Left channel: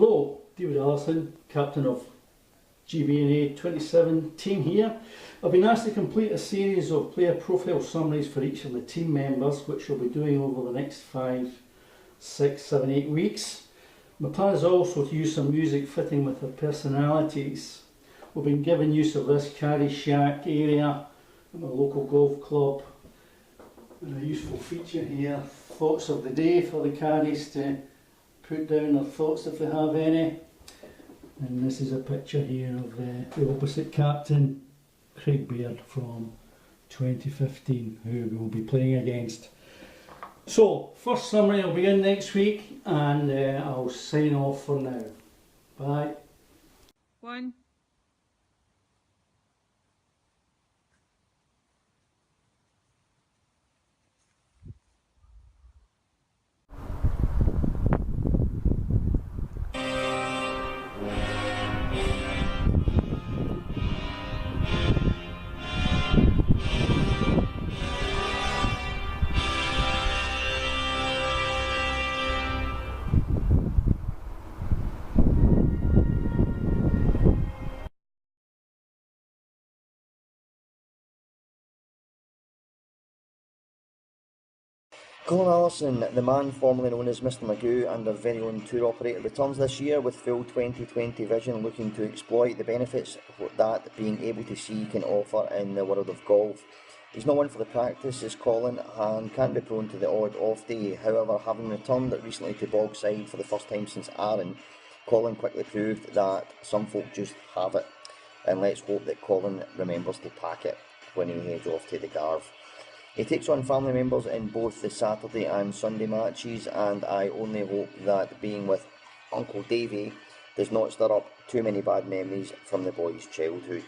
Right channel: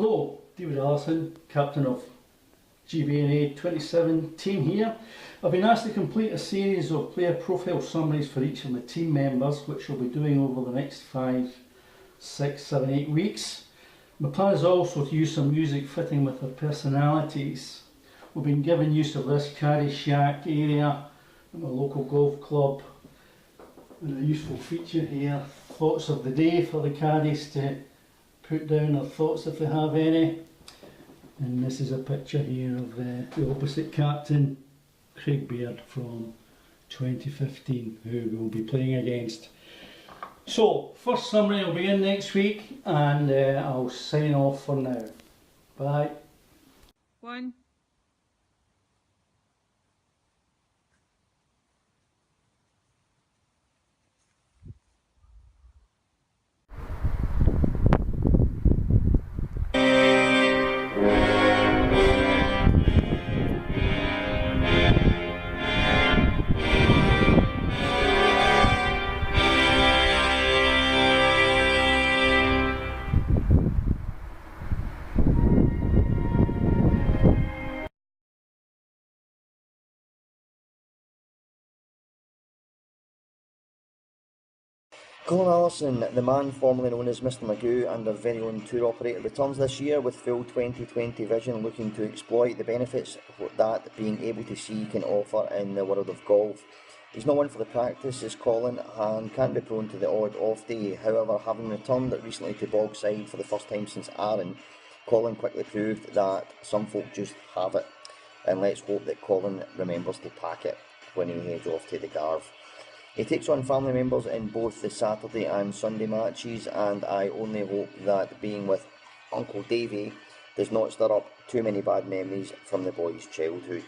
Hello, David Allison, captain of GBNA 2017 here. I've been asked to complete a series of player profile summaries for each of the team members, which I'll be doing over the next 5, 6, 7, 8 weeks. My plan is also to use some music fitting with their personalities. We've been given use of this Caddy Shack area at my local golf club. And a useful feature here, thoughts of the day for the caddies to put down their thoughts if they have any. And this is a picture here of the opposite captain, Craig Baird from 2015, who we'll be playing against. So, first summary will be in next week, and I'll sign off for now. Bye. 1. Colin Allison, the man formerly known as Mr Magoo and our very own tour operator, returns this year with full 2020 vision, looking to exploit the benefits that being able to see can offer in the world of golf. He's not one for the practice, is Colin, and can't be prone to the odd off day. However, having returned recently to Bogside for the first time since Arran, Colin quickly proved that some folk just have it. And let's hope that Colin remembers to pack it when he heads off to the Garve. He takes on family members in both the Saturday and Sunday matches, and I only hope that being with Uncle Davey does not stir up too many bad memories from the boy's childhood.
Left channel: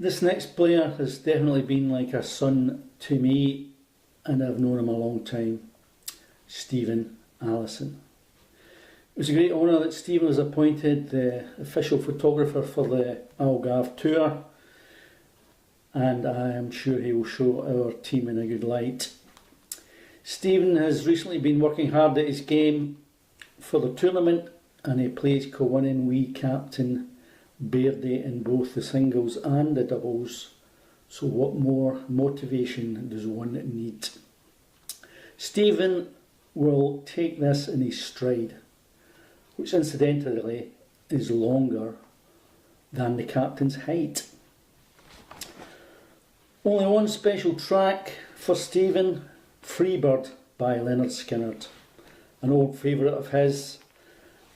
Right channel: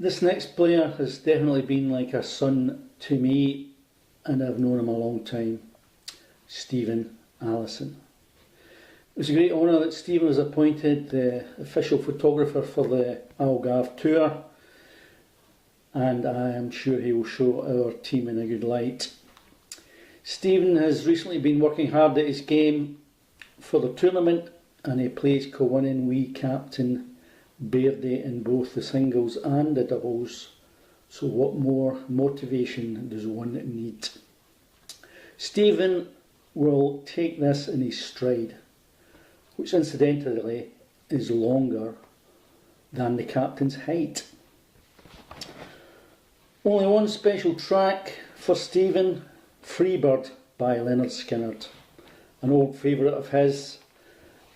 This next player has definitely been like a son to me, and I've known him a long time, Stephen Allison. It was a great honour that Stephen was appointed the official photographer for the Algarve tour, and I am sure he will show our team in a good light. Stephen has recently been working hard at his game for the tournament, and he plays co-winning wee captain Bairdy in both the singles and the doubles, so what more motivation does one need? Stephen will take this in his stride, which incidentally is longer than the captain's height. Only one special track for Stephen, Freebird by Lynyrd Skynyrd, an old favourite of his,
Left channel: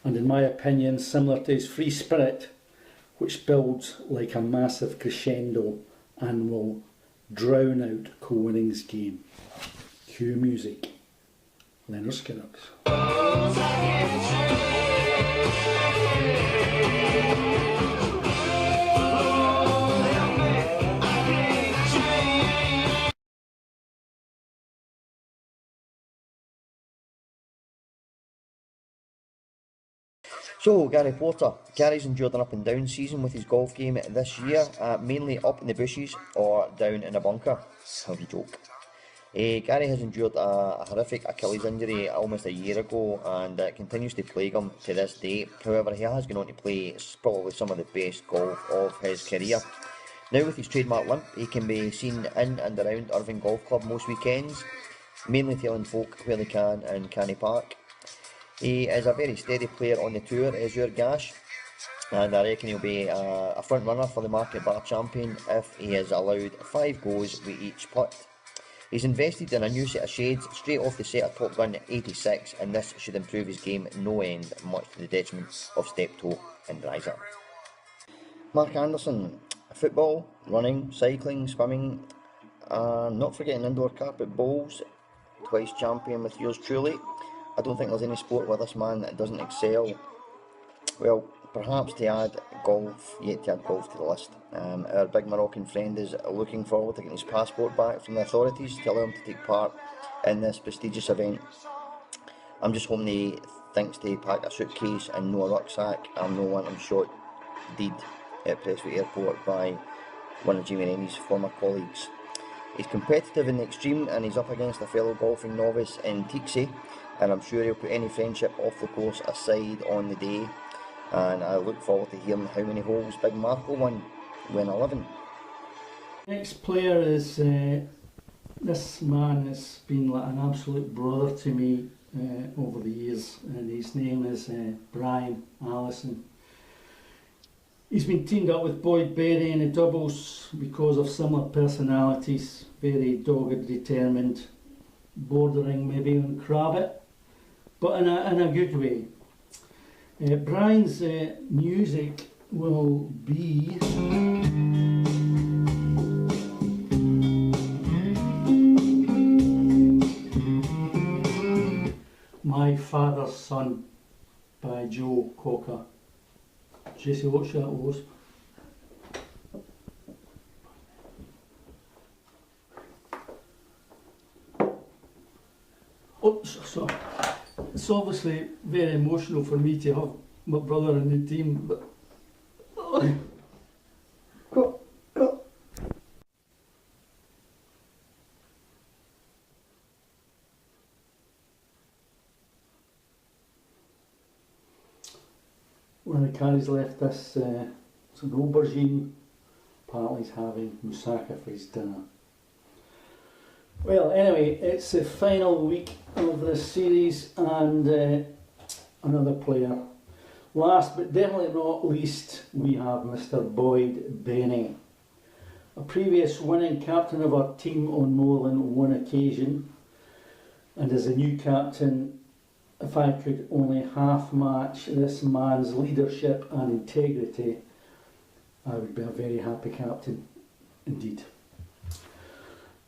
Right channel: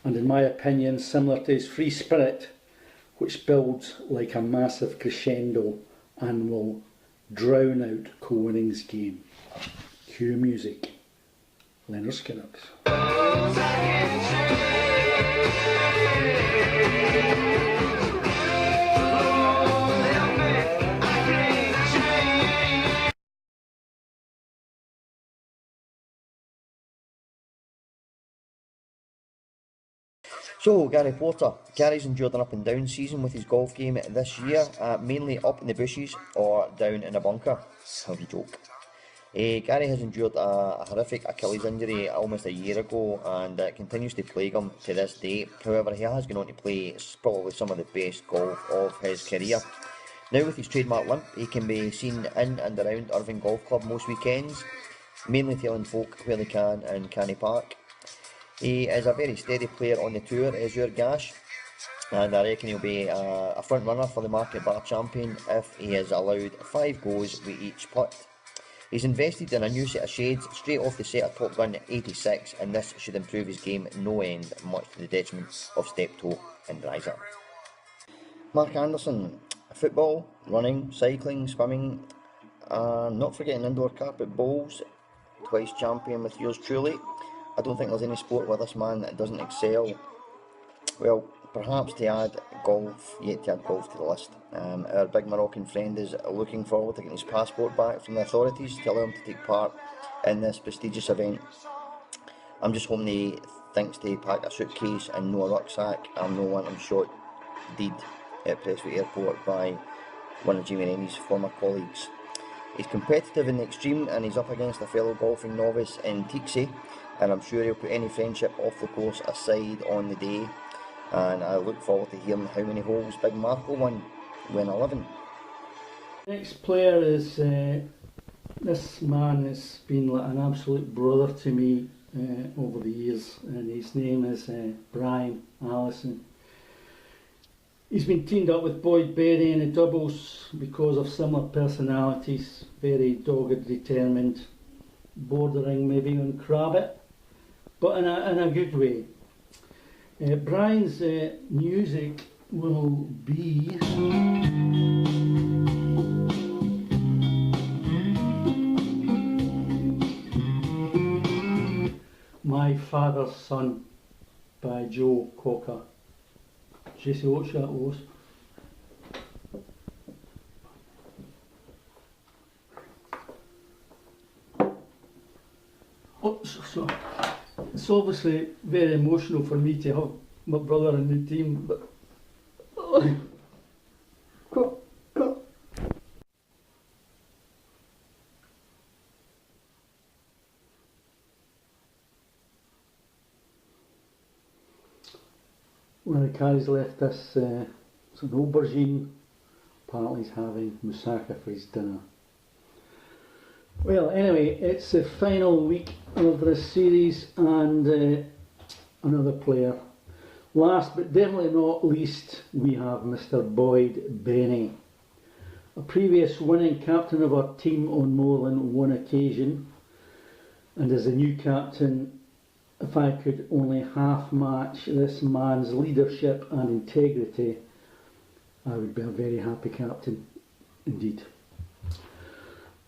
and in my opinion similar to his Free Spirit, which builds like a massive crescendo and will drown out co-winning's game. Cue music. Lynyrd Skynyrd. So, Gary Porter. Gary's endured an up and down season with his golf game this year, mainly up in the bushes or down in a bunker. How do you joke? Gary has endured a horrific Achilles injury almost a year ago, and it continues to plague him to this day. However, he has gone on to play probably some of the best golf of his career. Now with his trademark limp, he can be seen in and around Irving Golf Club most weekends, mainly telling folk where they can in Canny Park. He is a very steady player on the tour, is your Gash, and I reckon he'll be a front runner for the Market Bar Champion if he is allowed 5 goes with each putt. He's invested in a new set of shades straight off the set of Top Gun 86, and this should improve his game no end, much to the detriment of Steptoe and Riser. Mark Anderson, football, running, cycling, swimming, and not forgetting indoor carpet bowls, twice champion with yours truly. I don't think there's any sport where this man doesn't excel. Well, perhaps to add golf, yet to add golf to the list. Our big Moroccan friend is looking forward to getting his passport back from the authorities to allow him to take part in this prestigious event. I'm just hoping he thinks to pack a suitcase and no a rucksack, and no one I'm shot dead at Prestwick Airport by one of Jamie Rennie's former colleagues. He's competitive in the extreme, and he's up against a fellow golfing novice in Tixie, and I'm sure he'll put any friendship off the course aside on the day, and I look forward to hearing how many holes Big Marco won when 11. Next player is this man has been like an absolute brother to me over the years, and his name is Brian Allison. He's been teamed up with Boyd Berry in the doubles because of similar personalities, very dogged, determined, bordering maybe on Crabbit, but in a good way. Brian's music will be My Father's Son by Joe Cocker. Jesse, what's that was? Oh, so it's obviously very emotional for me to have my brother in the team, but when Carrie's left this, it's an aubergine. Apparently he's having moussaka for his dinner. Well, anyway, it's the final week of this series, and another player. Last but definitely not least, we have Mr. Boyd Benny, a previous winning captain of our team on more than one occasion, and as a new captain, if I could only half match this man's leadership and integrity, I would be a very happy captain indeed.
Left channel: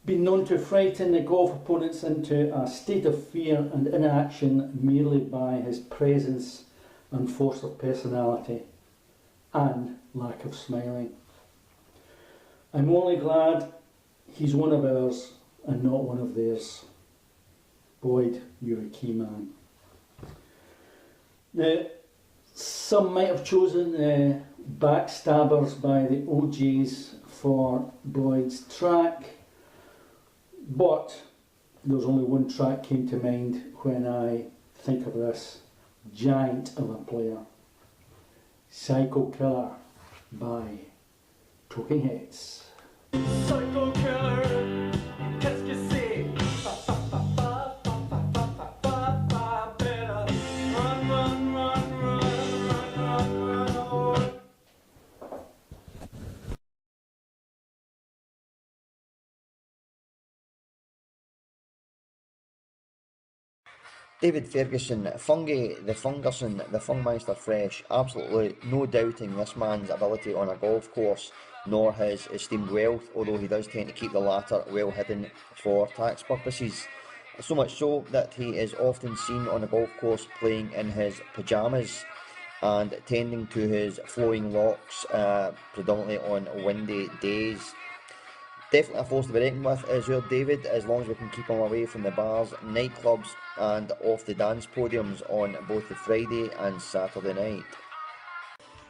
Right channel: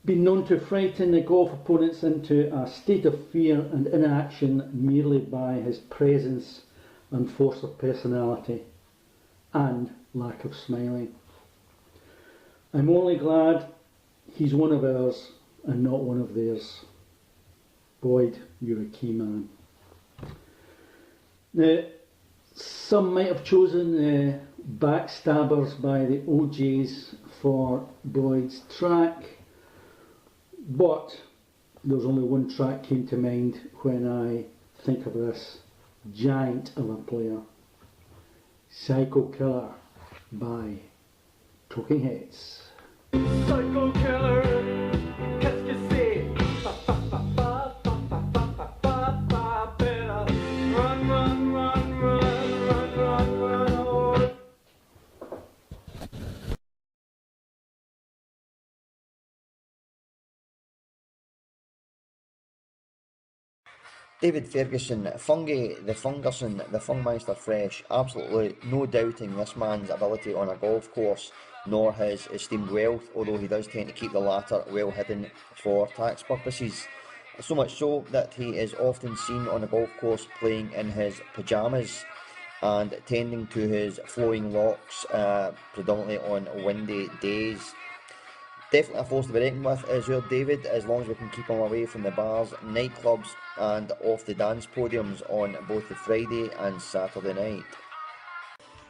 Been known to frighten the golf opponents into a state of fear and inaction merely by his presence and force of personality and lack of smiling. I'm only glad he's one of ours and not one of theirs. Boyd, you're a key man. Now, some might have chosen Backstabbers by the OJs for Boyd's track, but there's only one track came to mind when I think of this giant of a player. Psycho Killer by Talking Heads. Psycho killer, qu'est-ce que c'est? Better run, run, run, run, run, run, run, oh. David Ferguson, Fungy, the Fungerson, the Fungmeister Fresh, absolutely no doubting this man's ability on a golf course, nor his esteemed wealth, although he does tend to keep the latter well hidden for tax purposes. So much so that he is often seen on a golf course playing in his pyjamas and tending to his flowing locks, predominantly on windy days. Definitely a force to be reckoned with is your David, as long as we can keep him away from the bars, nightclubs and off the dance podiums on both the Friday and Saturday night.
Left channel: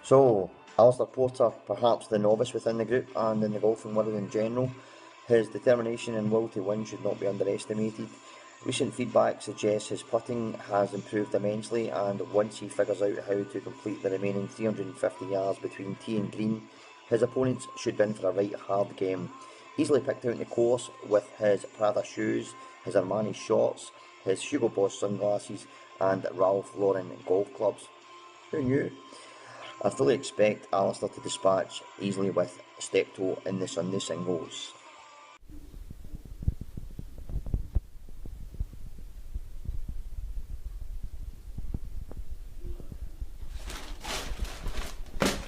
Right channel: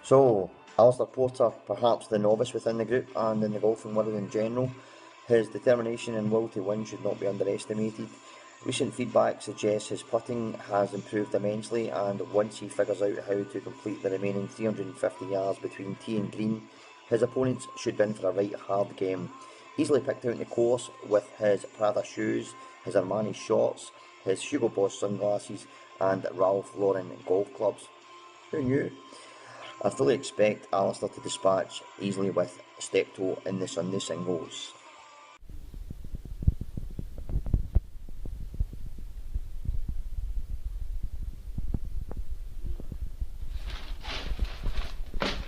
So, Alistair Porter, perhaps the novice within the group and in the golfing world in general, his determination and will to win should not be underestimated. Recent feedback suggests his putting has improved immensely, and once he figures out how to complete the remaining 350 yards between tee and green, his opponents should be in for a right hard game. Easily picked out in the course with his Prada shoes, his Armani shorts, his Hugo Boss sunglasses and Ralph Lauren golf clubs. Who knew? I fully expect Alistair to dispatch easily with Steptoe in the Sunday singles.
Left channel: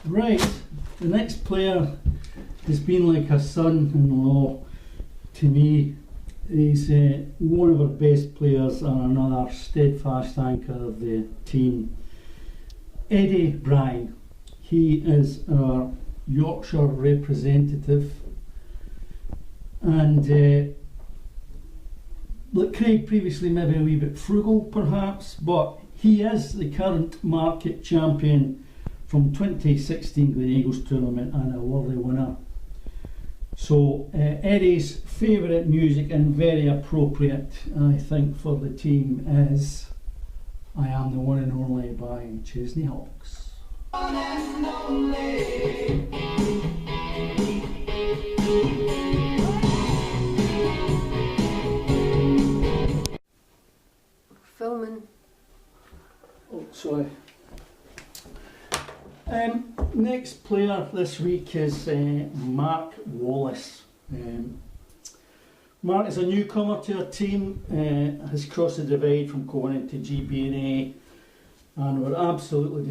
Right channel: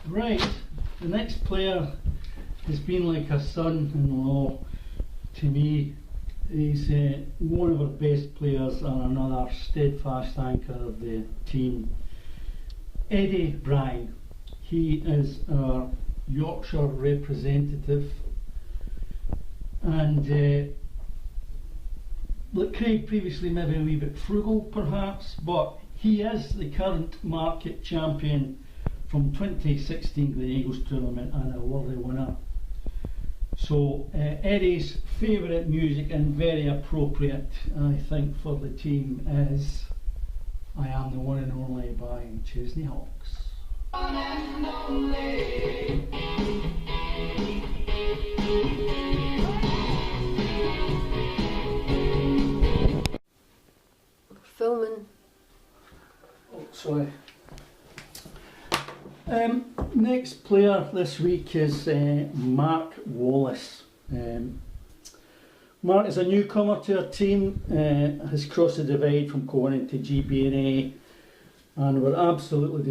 Right, the next player has been like a son-in-law to me. He's one of our best players and another steadfast anchor of the team. Eddie Bryan. He is our Yorkshire representative, and like Craig previously, maybe a wee bit frugal perhaps, but he is the current market champion from 2016 Glen Eagles tournament and a worthy winner. So Eddie's favourite music and very appropriate, I think, for the team is I Am the One and Only by Chesney Hawks. Filming. Oh, sorry. Next player this week is Mark Wallace. Mark is a newcomer to our team, has crossed the divide from going into GBNA, and we're absolutely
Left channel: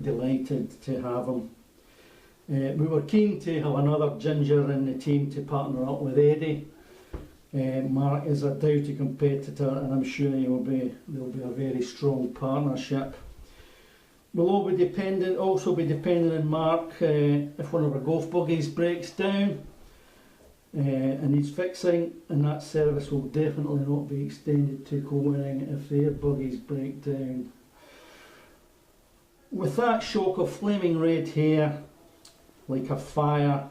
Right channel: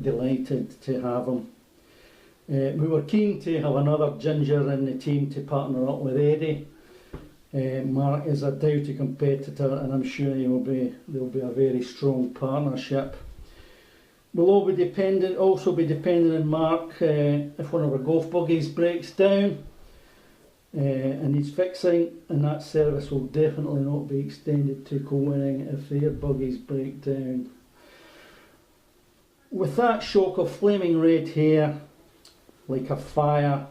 delighted to have him. We were keen to have another ginger in the team to partner up with Eddie. Mark is a doughty competitor, and I'm sure there'll be a very strong partnership. We'll also be dependent on Mark if one of our golf buggies breaks down and needs fixing, and that service will definitely not be extended to co-winning if their buggies break down. With that shock of flaming red hair, like a fire,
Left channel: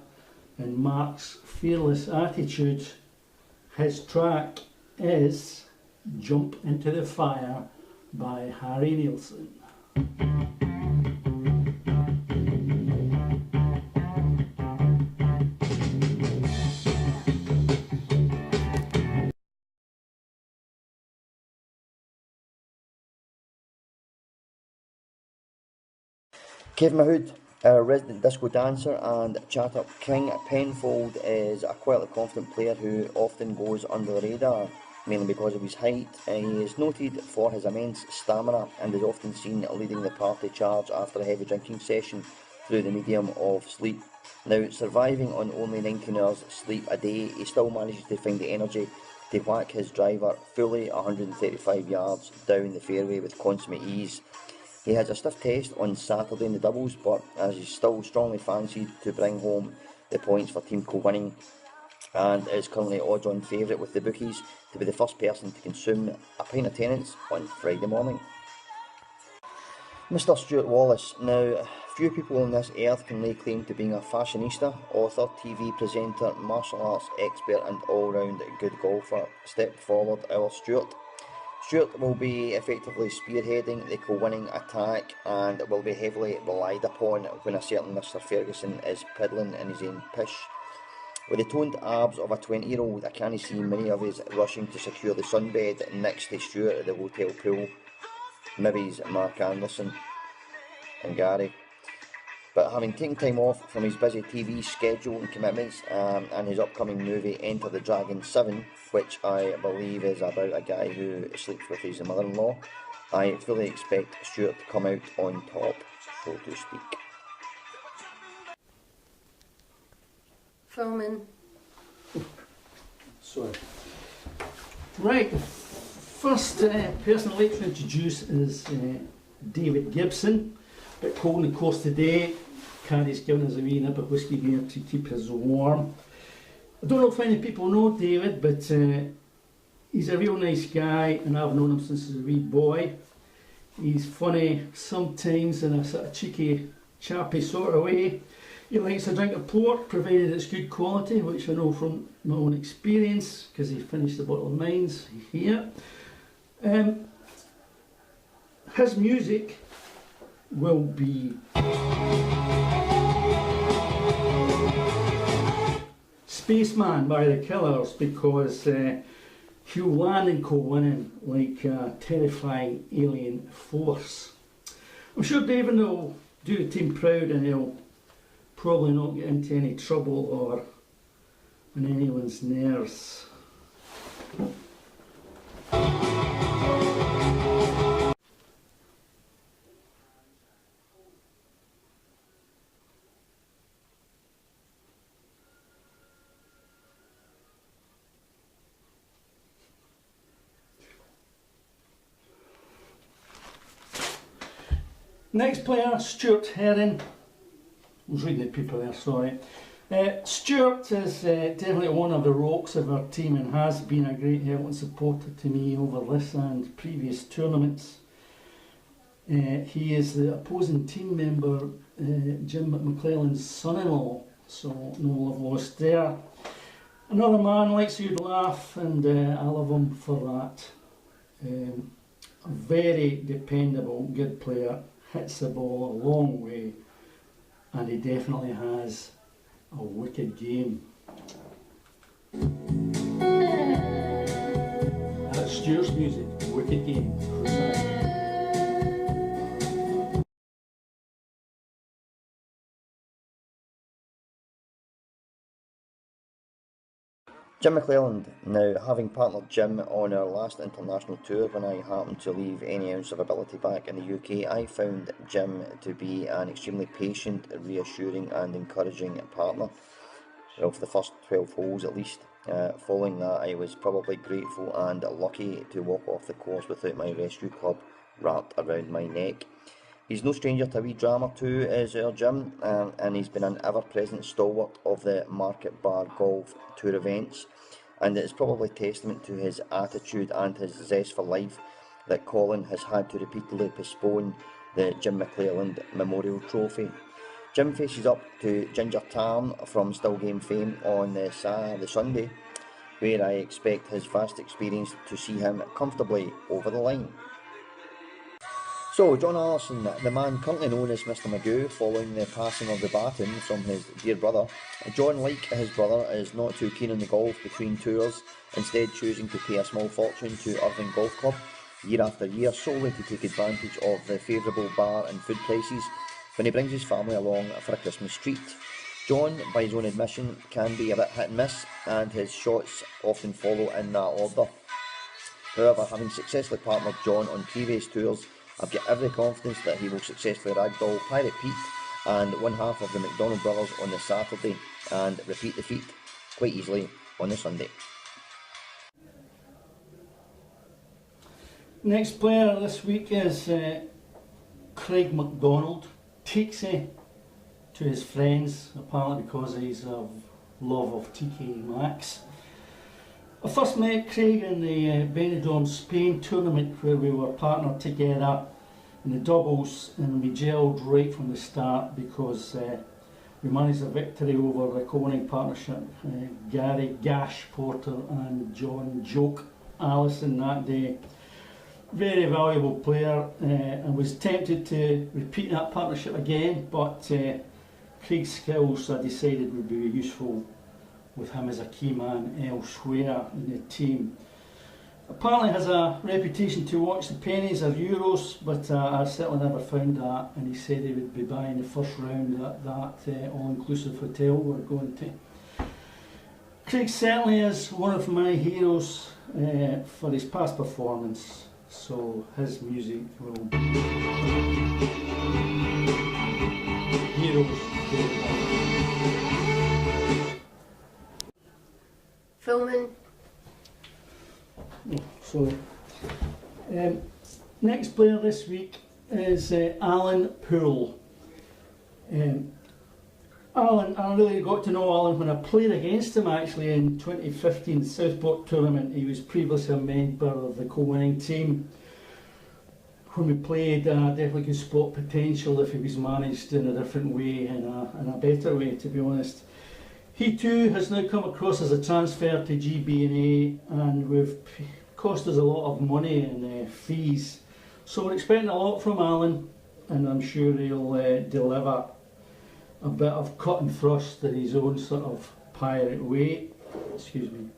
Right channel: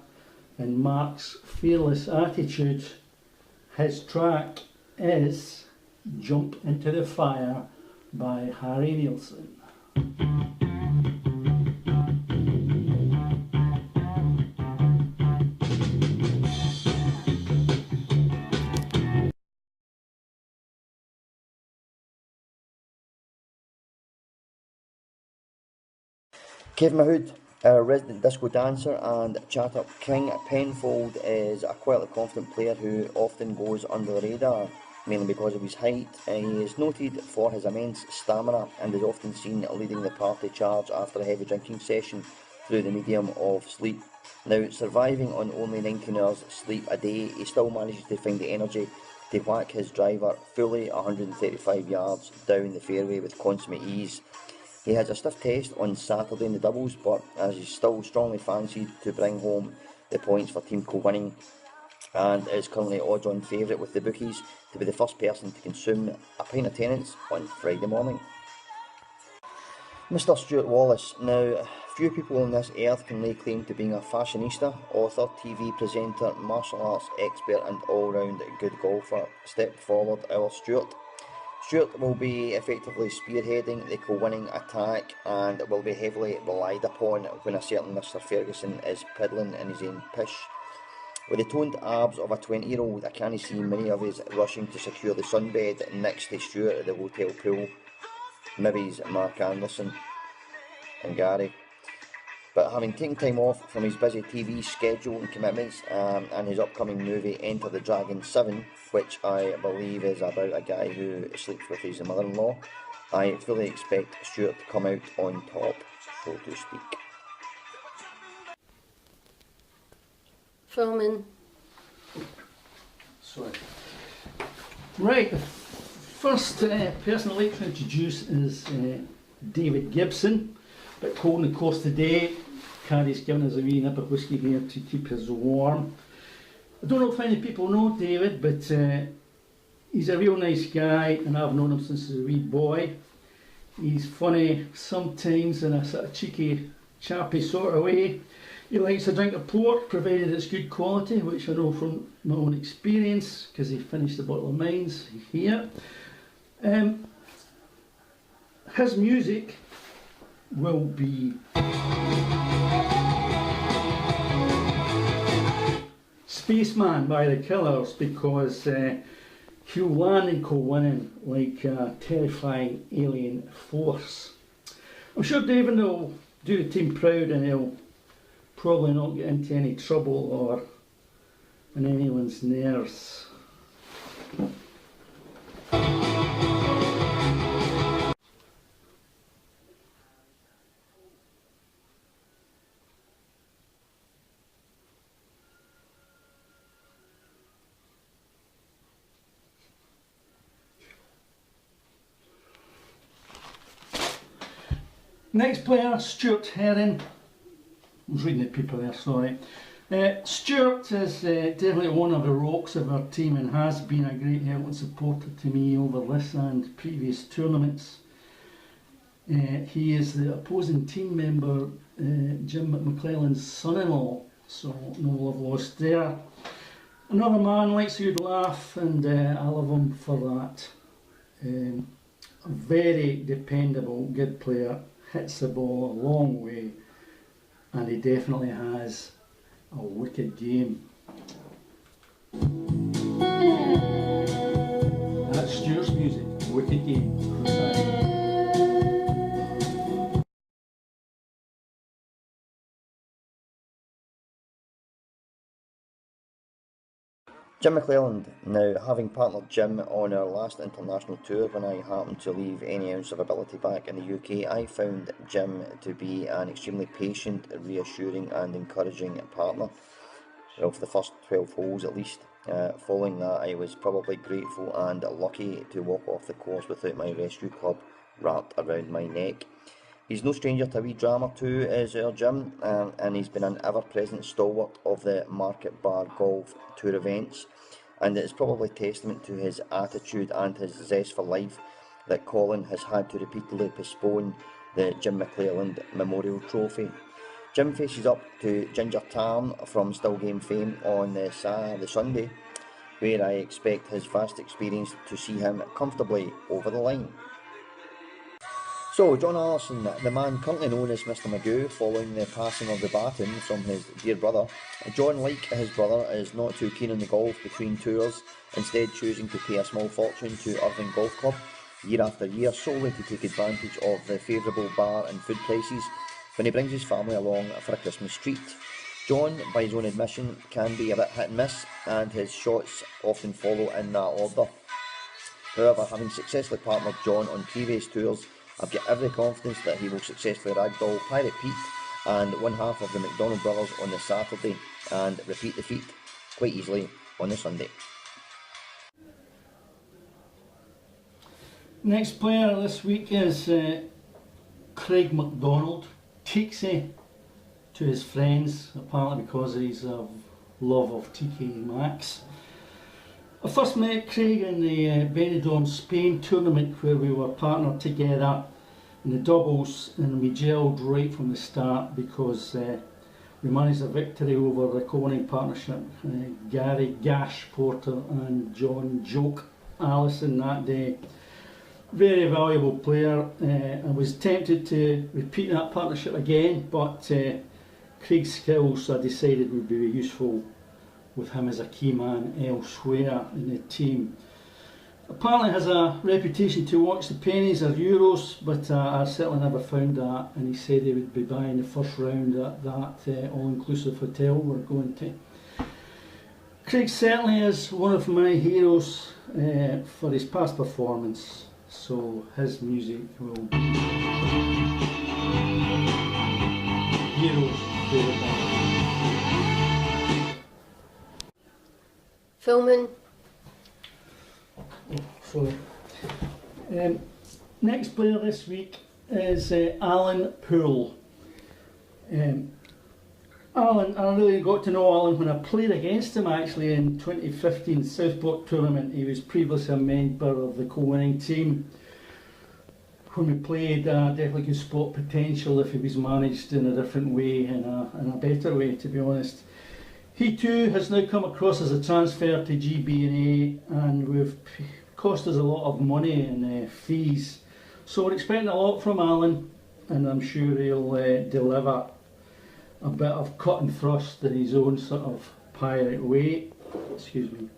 and Mark's fearless attitude, his track is Jump Into the Fire by Harry Nilsson. Kevin Mahood, our resident disco dancer and chat-up king at Penfold, is a quietly confident player who often goes under the radar, mainly because of his height. He is noted for his immense stamina and is often seen leading the party charge after a heavy drinking session through the medium of sleep. Now, surviving on only 19 hours sleep a day, he still manages to find the energy to whack his driver fully 135 yards down the fairway with consummate ease. He has a stiff test on Saturday in the doubles, but as he's still strongly fancied to bring home the points for team co-winning, and is currently odds-on favourite with the bookies to be the first person to consume a pint of Tennent's on Friday morning. Mr. Stuart Wallace. Now, few people on this earth can lay claim to being a fashionista, author, TV presenter, martial arts expert and all-round good golfer. Step forward, our Stuart. Stuart will be effectively spearheading the co-winning attack and will be heavily relied upon when a certain Mr. Ferguson is piddling in his own pish. With the toned abs of a 20-year-old, I can't see many of us rushing to secure the sunbed next to Stuart at the hotel pool. Maybe's Mark Anderson and Gary. But having taken time off from his busy TV schedule and commitments and his upcoming movie Enter the Dragon 7, which I believe is about a guy who sleeps with his mother-in-law, I fully expect Stuart to come out on top, so to speak. Filming. Sorry. Right, the first person I'd like to introduce is David Gibson, at holding the course today. Carrie's given us a wee nip of whisky here to keep us warm. I don't know if many people know David, but he's a real nice guy, and I've known him since he was a wee boy. He's funny sometimes in a sort of cheeky, chappy sort of way. He likes a drink of port, provided it's good quality, which I know from my own experience, because he finished the bottle of mines here. His music will be Spaceman by the Killers, because he'll land and co-winning like a terrifying alien force. I'm sure David will do the team proud, and he'll probably not get into any trouble or on anyone's nerves. Next player, Stuart Herring. I was reading the people there, sorry. Stuart is definitely one of the rocks of our team and has been a great help and supporter to me over this and previous tournaments. He is the opposing team member, Jim McClellan's son-in-law, so no love lost there. Another man likes a good laugh, and I love him for that. A very dependable, good player, hits the ball a long way, and he definitely has a wicked game. That's Stuart's music, Wicked Game. Jim McClelland. Now, having partnered Jim on our last international tour when I happened to leave any ounce of ability back in the UK, I found Jim to be an extremely patient, reassuring and encouraging partner. Well, for the first 12 holes at least. Following that, I was probably grateful and lucky to walk off the course without my rescue club wrapped around my neck. He's no stranger to a wee drama too, is our Jim, and he's been an ever-present stalwart of the Market Bar Golf Tour events, and it's probably testament to his attitude and his zest for life that Colin has had to repeatedly postpone the Jim McClelland Memorial Trophy. Jim faces up to Ginger Tarn from Still Game fame on the Sunday, where I expect his vast experience to see him comfortably over the line. So, John Allison, the man currently known as Mr Magoo, following the passing of the baton from his dear brother. John, like his brother, is not too keen on the golf between tours, instead choosing to pay a small fortune to Irving Golf Club year after year solely to take advantage of the favourable bar and food prices when he brings his family along for a Christmas treat. John, by his own admission, can be a bit hit and miss, and his shots often follow in that order. However, having successfully partnered John on previous tours, I've got every confidence that he will successfully ragdoll Pirate Pete and one half of the McDonald brothers on the Saturday and repeat the feat quite easily on the Sunday. Next player this week is Craig MacDonald. Takes to his friends, apparently because he's a love of TK Maxx. I first met Craig in the Benidorm Spain tournament where we were partnered together in the doubles, and we gelled right from the start because we managed a victory over the co-winning partnership, Gary Gash Porter and John Joke Allison that day. Very valuable player. I was tempted to repeat that partnership again, but Craig's skills I decided would be useful with him as a key man elsewhere in the team. Apparently has a reputation to watch the pennies or euros, but I certainly never found that, and he said he would be buying the first round at that all-inclusive hotel we're going to. Craig certainly is one of my heroes for his past performance, so his music will be heroes. Filming. Oh, sorry. Next player this week is Alan Poole. Alan, I really got to know Alan when I played against him actually in 2015 Southport tournament. He was previously a member of the co-winning team. When we played, definitely could spot potential if he was managed in a different way, in a better way, to be honest. He too has now come across as a transfer to GBA, and we've cost us a lot of money in fees. So we're expecting a lot from Alan, and I'm sure he'll deliver a bit of cut and thrust in his own sort of pirate way. Excuse me.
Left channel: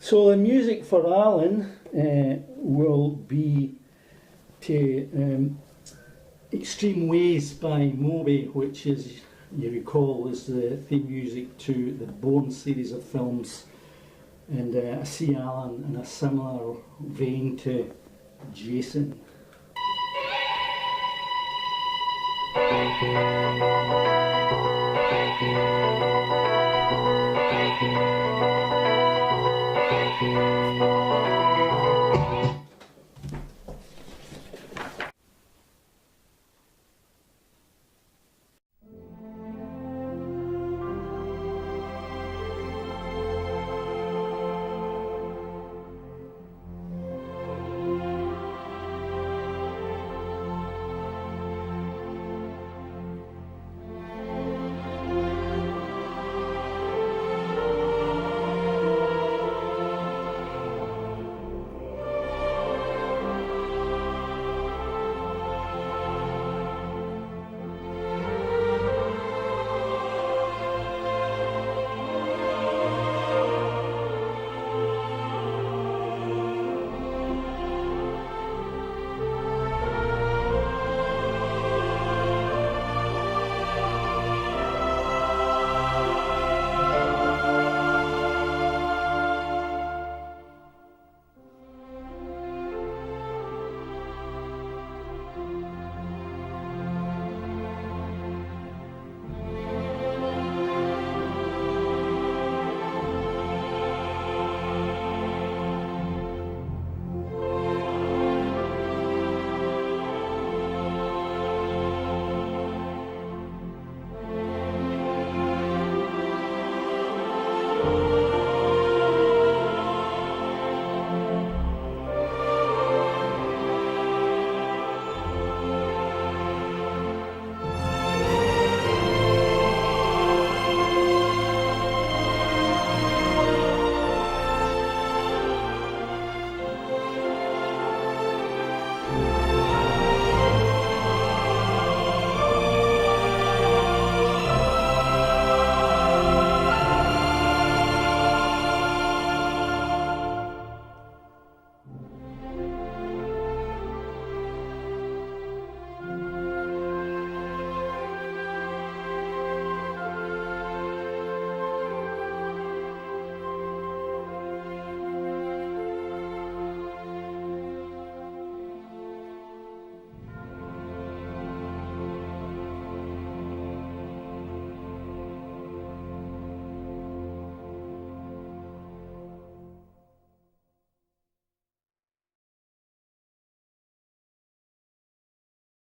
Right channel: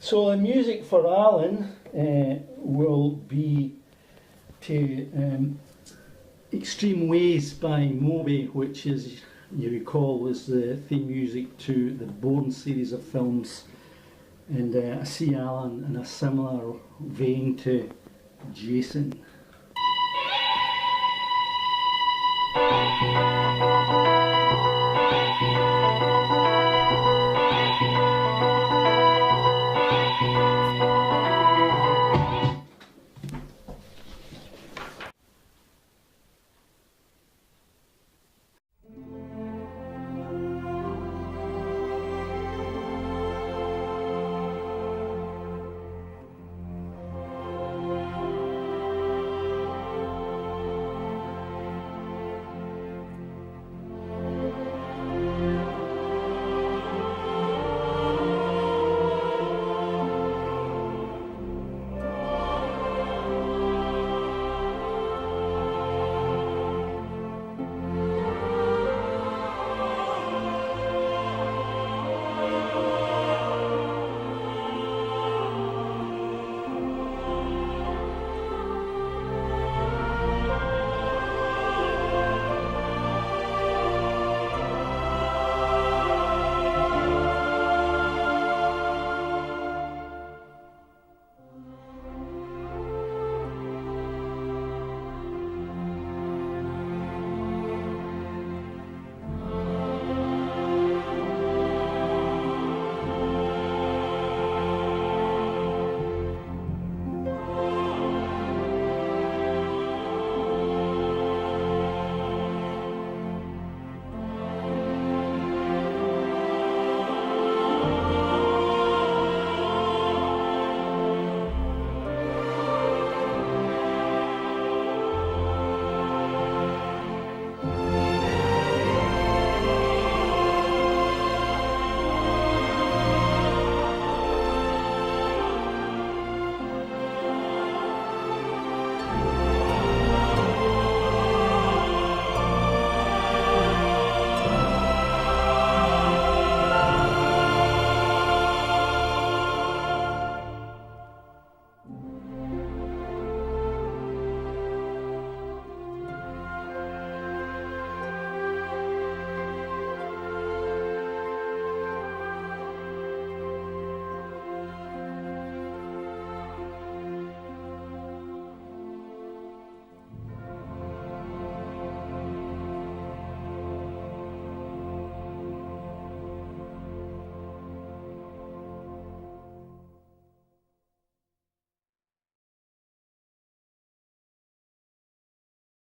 So the music for Alan will be to Extreme Ways by Moby, which is, you recall, is the theme music to the Bourne series of films, and I see Alan in a similar vein to Jason.